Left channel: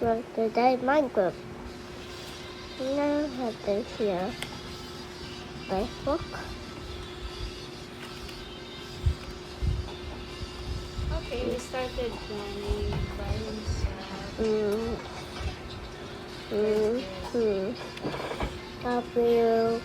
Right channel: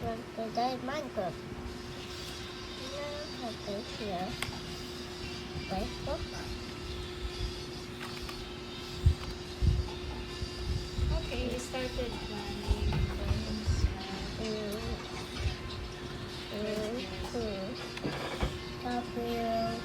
Well, today Minecraft. Now have this here. Facebook. Okay, we started by himself. W.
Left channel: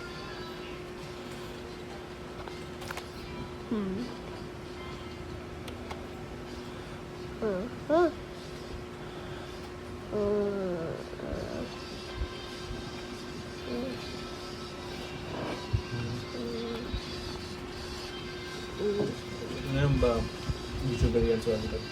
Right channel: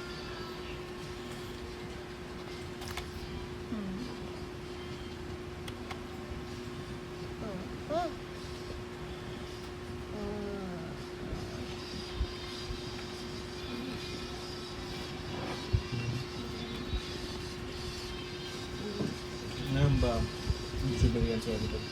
Ngayon ba, YouTuber yan sa Walipad?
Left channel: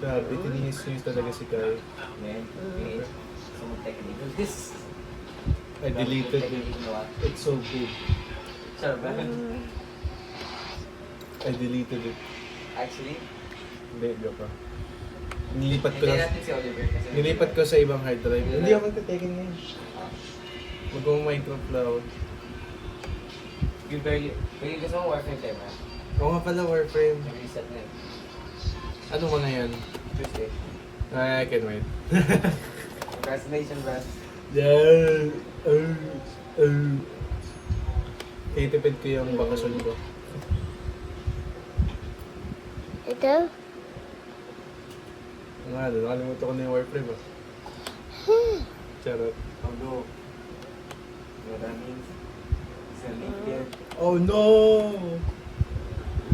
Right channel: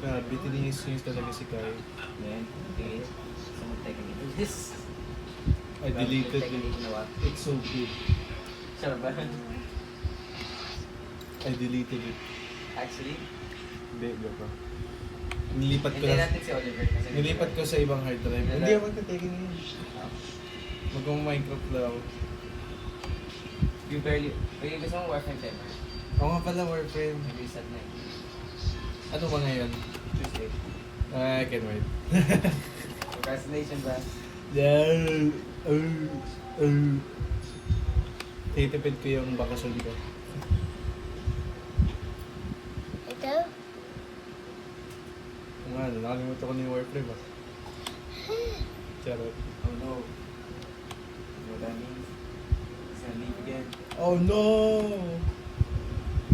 Grabe, tinihis-nihis talaga si Kai. Man, okay. Someone taking me to this. I deleted it. It's so big. Sure, ba? I deleted it. Actually, Hindi, joke pa. Nilipat ko hindi lang. natin si Oliver kasi... Nilipat ko sa ibang hard drive. Hindi ako magte-taken na yun. Mag-Minecraft lang ako. You barely... Pwede gusto mong Warframe tayo ba? Oo nga pala, Warframe. Mag-reset na eh. Ano mga yan? Tuesday. I can wait. Procrastination ba? Titipid ko yung bakasyon ko. Ito? Kung nga, nakalimutan ko na yung Warframe ah. Charot. Although... Maraming... Isang liquid. Oh no!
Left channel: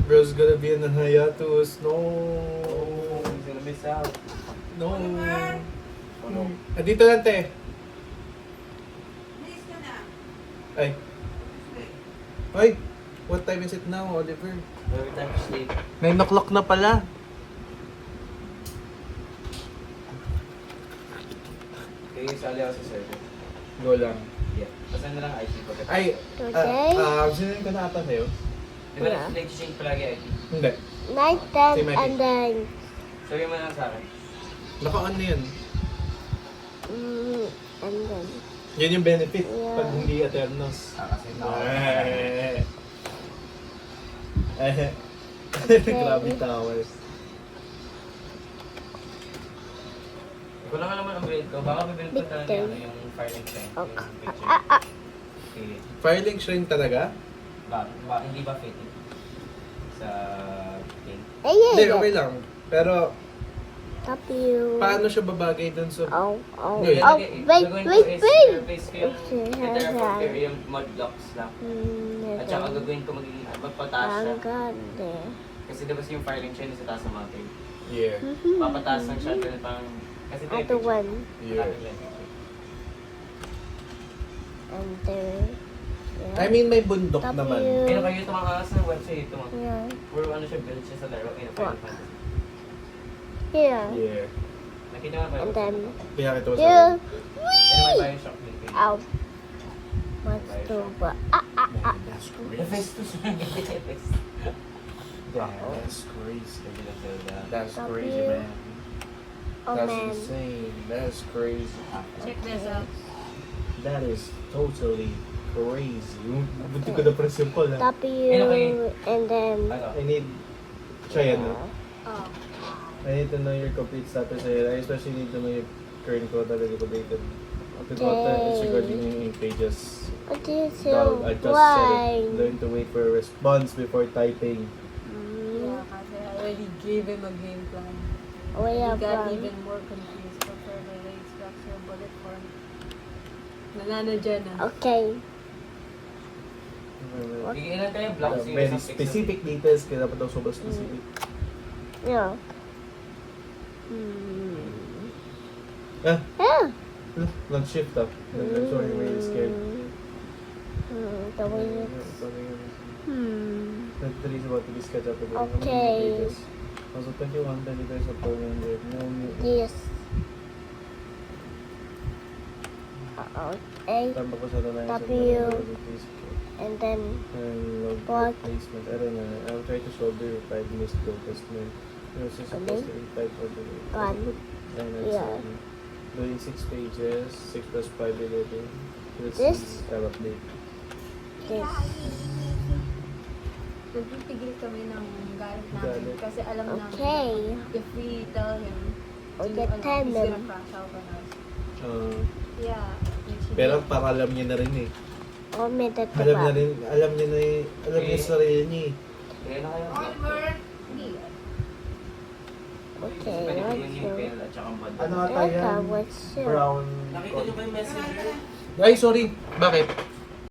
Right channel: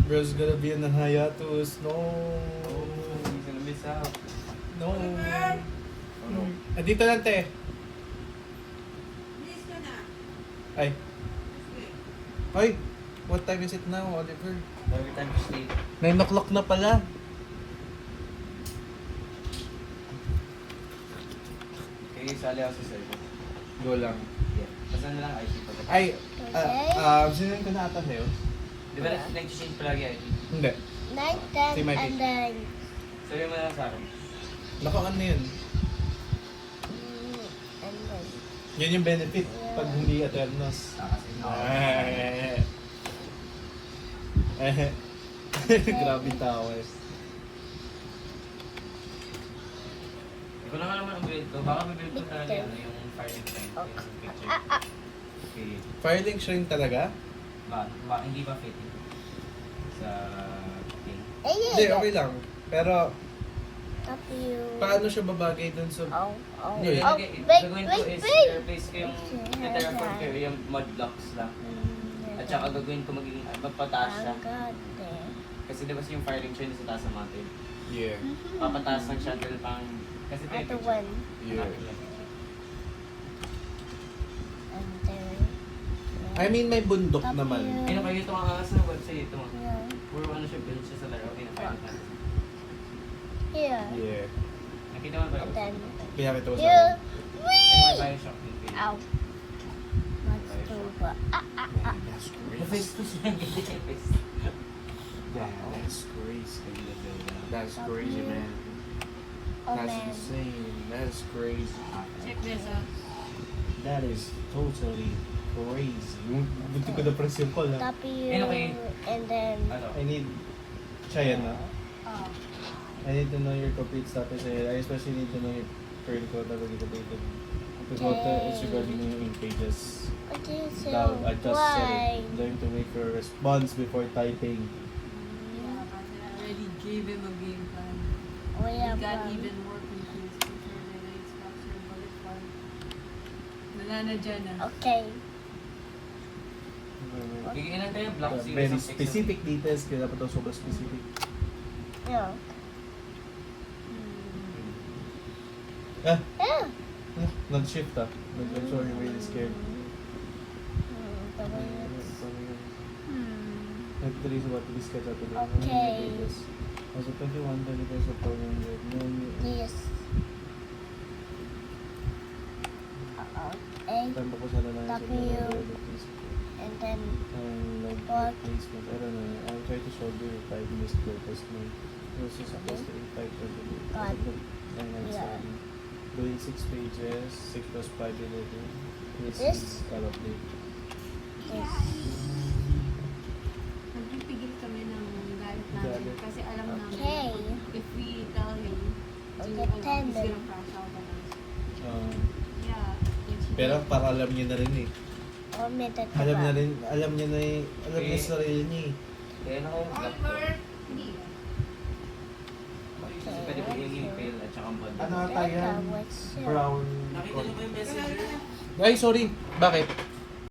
Bro's gonna be in a hiatus. No! I'm gonna miss out. No! Oh no. Dito lang, te. Ay. Ay! What time is it now, Oliver? Every time you sleep. 9 o'clock na pala. Kaya yung sali ako si Sir. Go lang. Yeah. Basta na lang IT ko. Ay! Okay. Sinunod ko na ata sa'yo? Di ba nag-change palagi IT? Hindi. Night Si time Mikey. and then Sabi mo lang sa akin. Naka-on na yun. and then Yan yung benefit pag hindi Aternos. Kasi Grabe towers. Ikaw na nga naman ang grade ko. Baka bibilip ko talaga yung Firelink Strength. Yung picture. Sige. Firelink shrink talaga? Hindi ba fitting? Sa thing? Hindi, okay lang. Pero, W. paano siya babagay dun sa... Oh, Wait. Gagawin ko is replace ko yung terraform ko yung mud blocks lang. At saka gagawin ko magiging magpataas lang. Kasi diba yung Firelink siya sa taas ng mountain. Yeah. Papataas lang siya ganun pang... Kasi ito yung Ito picture. one. Yeah. And then I mean, may bundok W. naman. Ayun kayo ito mga sa website ito. Yeah. Puro ano siya, build siya sa Terra. Ayun, Final Fantasy. Here. Yeah. Nakita mo ba And yun? then Kaya kita mo sa here. akin. Ayun, may Bioshock din kayo. Ow. What's the what? That's The face ko siya. Yeah, that's crazy. That's crazy, man. Oh That's man. insane. That's crazy. Check this out. That is totally crazy. Buti ko na press yung call ha. W. okay. And then Ano? I need... Siya yan no? Oh. I need to know your complete status here. I especially need to know your current quota that is updated. Because it's regarding yung ink pages. what is Dog, I just said why? it. Learn to wait for a response before typing. Yeah, kasi I already gave him a game plan. Way He up got from. even more confused before the race structure bullet form. Nananadyan na. Okay. Ilan kayo blocks yung Very isang pixel? specific details, kaya dapat ako sobrang specific. Yeah. Ah! Yeah. Nag-shift ah. Sorry, very scared. The way it's. Three is about to be sketched out again. Okay. Also 21, 20 days of program with no new... Yes. A. Tampa ko sa lalaki sa W. please. And then And log What? replacement. I don't know. I'll try to shoulder if I missed the test name. It was supposed to invite for the... Gone. And that's Yeah. doing 6 pages, 6 plus 5, 11. Here's This? the tab update. This. Nagpipigil kami ng galit namin. Galit. Kasi alam namin, Okay. if we tell him, On he's the gonna tunnel. crash out on us. Uh, Yeah. pero para alam niya na rin eh. Oh, may tataba. Alam niya na eh, alam niya sa sarili niya eh. Kaya na kayo block. Hindi. Okay, Pwede po let's yung go. pill at saka ang bundle. Ano ata yan? What's Brown. Nakita niyo ba yung messenger? Ay, sorry. Bakit?